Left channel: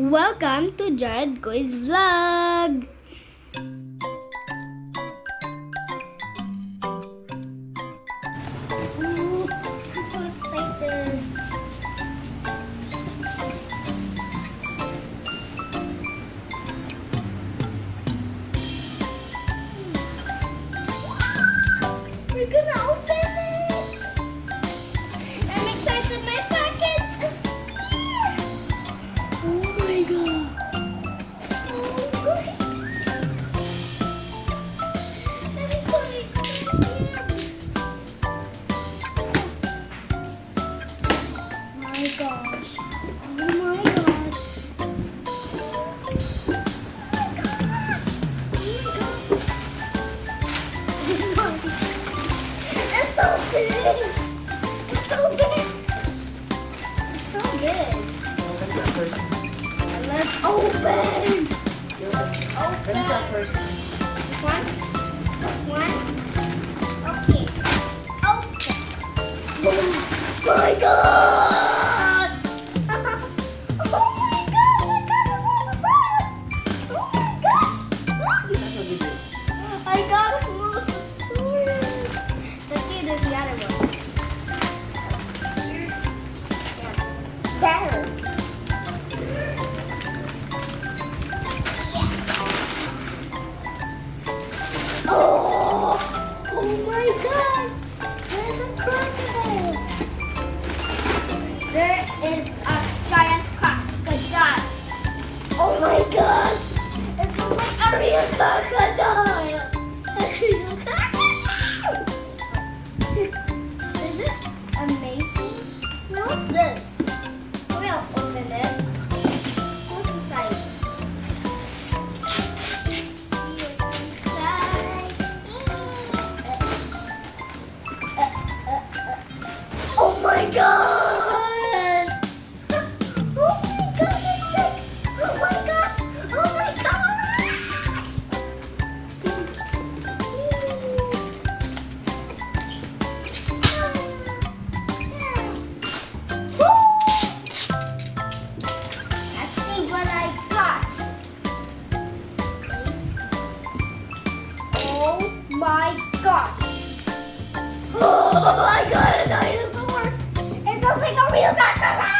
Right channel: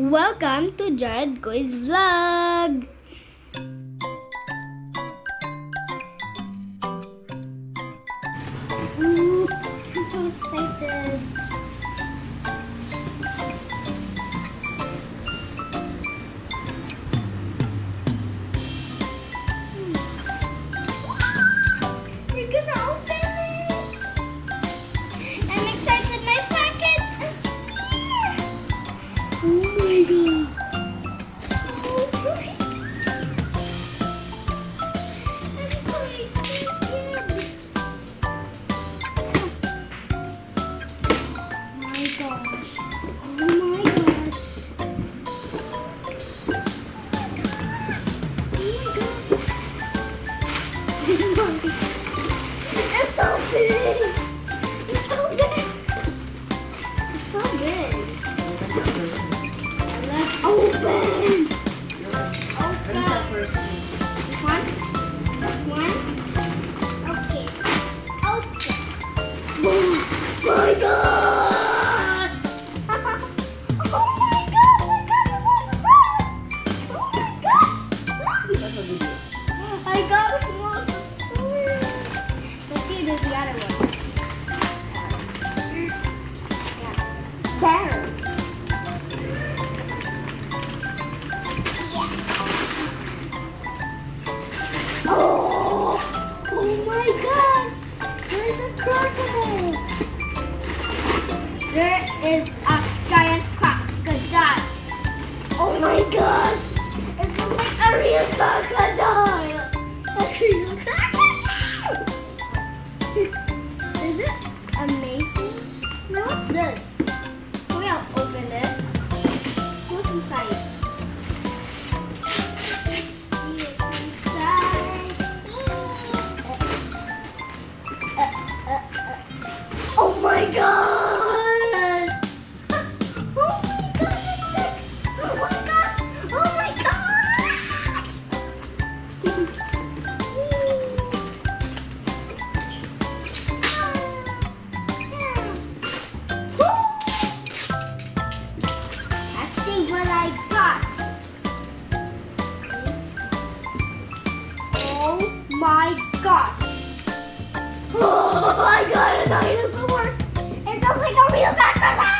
Welcome to Jaredcoys vlog! Ooh, I'm so excited! We're gonna open it! I'm excited, my package is here! Oh my god! Oh my god! I'm so excited! Oh my gosh! Oh my gosh! Oh my god! It's so big! It's so big! It's so big! Let's open! What is that first? One. Okay. Open. Oh my god! Oh my god! That's what we do. I got a Mosasaurus. Let's see there's the other one. There. Oh my god! There's a crocodile! There is a giant crocodile! Oh my god! It looks like a real crocodile! A real crocodile! Is it amazing? What's this? Maybe I'll open it. What's inside? Oh my god! Oh my god! Oh my god! Oh my gosh! Let's see what I got. Oh my god! Oh, I got a dinosaur! It looks like a real crocodile!